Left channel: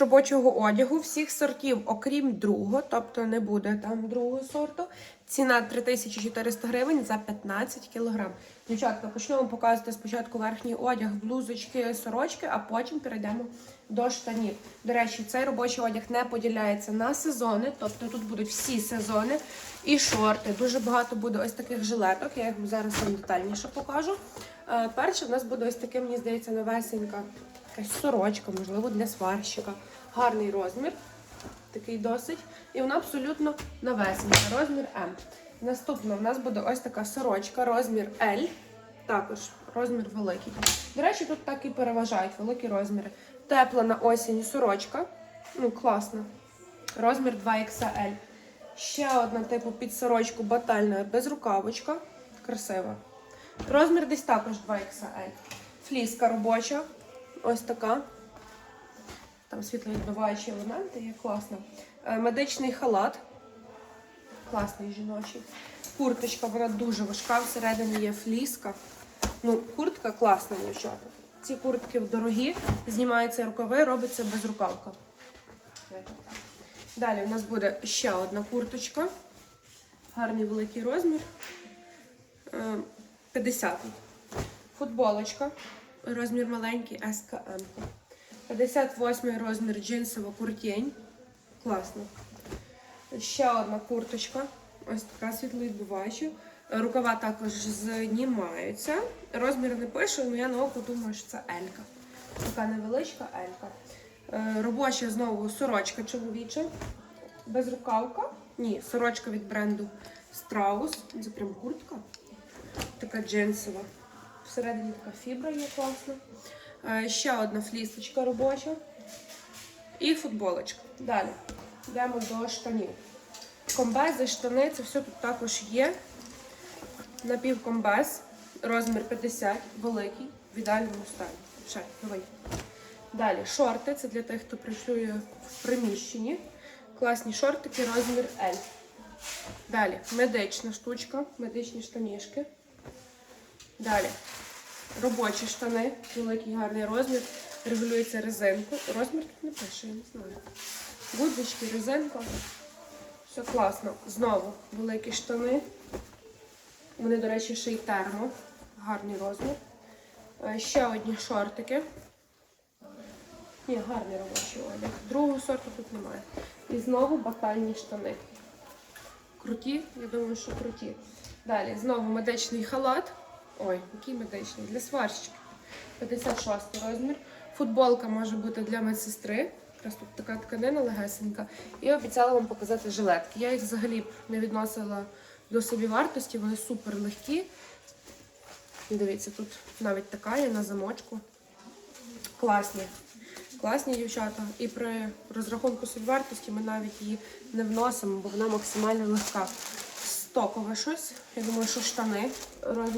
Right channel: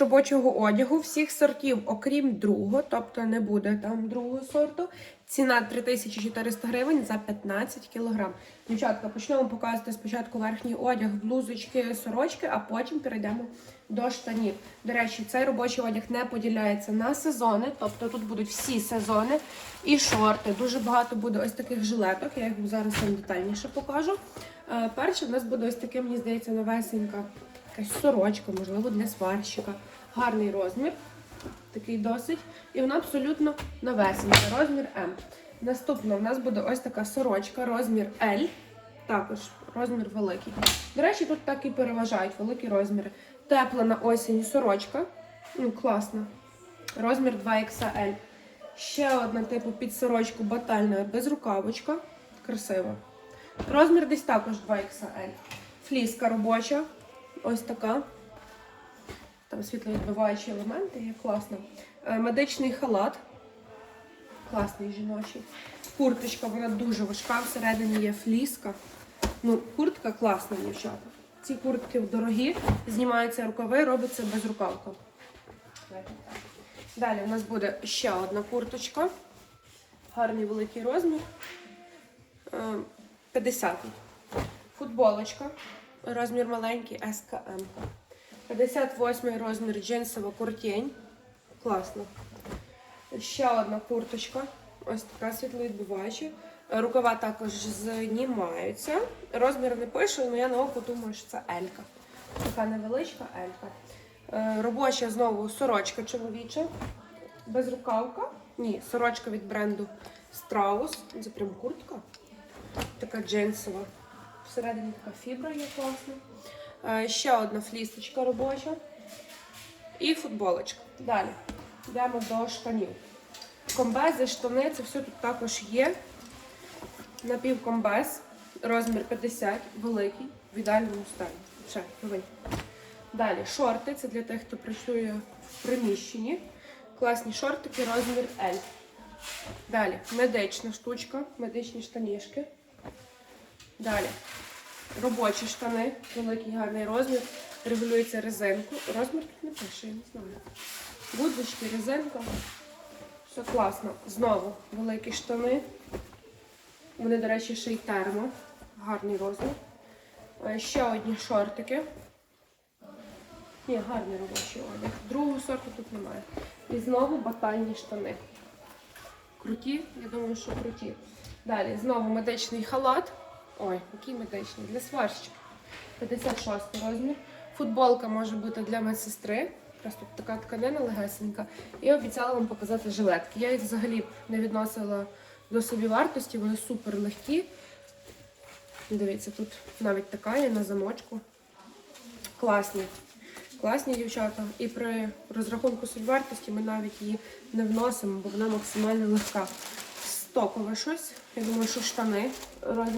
робочого одягу всіх сортів, окрім другого, тобто не буде там другого сорту. Ціна 3400 гривень за 15 кг. Дівчатка, почнемо показувати спочатку верхній одяг, блузочки, сорочки, а потім перейдемо до штанів. До речі, цей робочий одяг не поділяється на сезони, тобто тут будуть всі сезони і шорти. Дуже багато буде ось таких жилеток. Я їх зараз вам детальніше покажу. Е, Перше в нас буде ось таке, мені здається, новесенька якась сорочка, можливо, для сварщика. Гарний розмір, такий досить. І вона абсолютно новесенька, розмір М. Наступна у нас буде ось така сорочка, розмір L. Також розмір великий. До речі, тут так і переважають великі розміри. Тепла на осінь сорочка. Ну, класна. Розмір 2XL. Ще одна типу під сорочку батальна безрукавочка. Красива. Розмір десь також 2XL. Фліска робоча. Ось така. Там світловідбиваючі елементи, є класно. Е, Медичний халат. Класний жіночий. Курточка, вона дуже важка, всередині є фліска. Ну, куртка класна, дівчата. Ці куртки дорогі, знімаються рукави, робиться без рукавка. Далі у нас буде ще одна курточка. Гарний великий розмір. Е, 50. Футболочка. Розмір маленький СКМ. 58 розмір джинсова куртень. Класно. Ще одна курточка. Ось така світловідбиваюча. Рукава також знімаються. Розмір не пише, але я на око думаю, що це Елька. Така невеличка Елька. Е, Робоча знову сорочка чоловіча. Безрукавка. Ні, сорочка від бренду Страус. Це прям куртка. Така джинсова. Всередині така фібра є класна. Е, Ще одна флісочка робоча. І футболочка. Далі йдемо до штанів. Комбези, штани, це все тут також є. Напівкомбез, розмір 50, великий, в ідеальному стані. Ще, новий. Далі шорти, це для тих, хто працює в приміщенні. Класні шортики, розмір L. Далі медична штучка, медичні штанішки. Далі робочі штани, великий гарний розмір, регулюється резинкою. Розмір тут не пише, я не знаю. Гудзички, резинка. Все класно. Знову великі штани. Вони, до речі, ще й термо. Гарний розмір. Е, Ще одні шортики. Ні, гарний робочий одяг. Другого сорту тут немає. І знову батальні штани. Круті, я думаю, що круті. Далі знову медичний халат. Ой, який медичний? Для сварщиків. 56 розмір. Футболка може бути для медсестри. Просто така тканина легесенька. І обіцяла вам показати жилетки. Я їх взагалі не відносила до собівартості, вони супер легкі. Дивіться, тут навіть така є на замочку. Класні. Класні дівчата. І при розрахунку собівартості ми навіть її не вносимо, бо вона максимально легка. Стокове щось. Я думаю, що штани розмір